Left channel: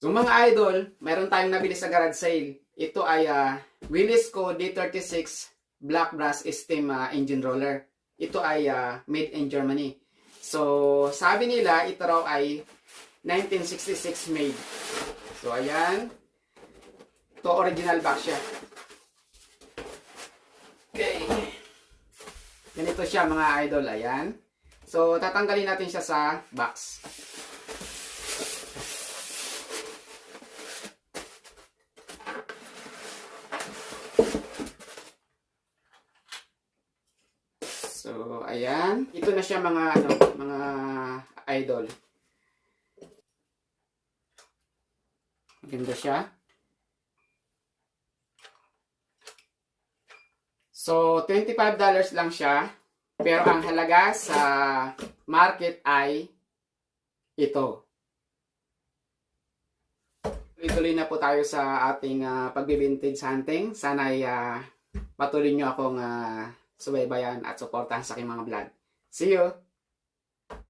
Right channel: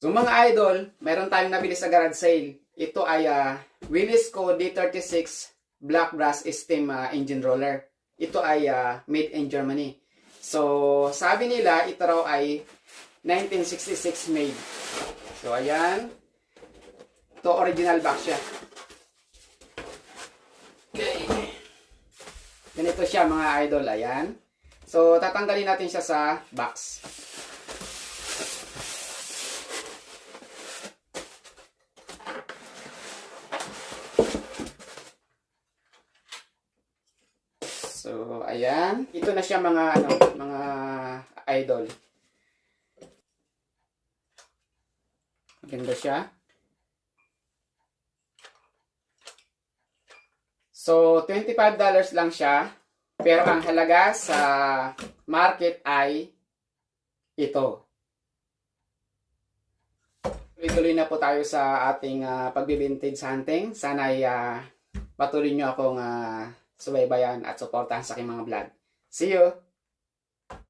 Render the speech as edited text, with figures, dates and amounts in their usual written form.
So mga idol, meron tayong nabili sa garage sale. Ito ay Willys-Co D36 Black Brass Steam Engine Roller. Ito ay made in Germany. So sabi nila ito raw ay 1966 made. So ayan. Ito original box siya. Okay. Ganito siya mga idol. Ayan. So tatanggalin natin siya sa box. So, ayan. Ito na siya mga mga idol. Maganda siya. So, $25 lang siya. Pero ang halaga sa market ay ito. Tuloy-tuloy na po tayo sa ating pagbi-vintage hunting. Sana ay patuloy nyo akong subaybayan at suportahan sa aking mga vlog. See you!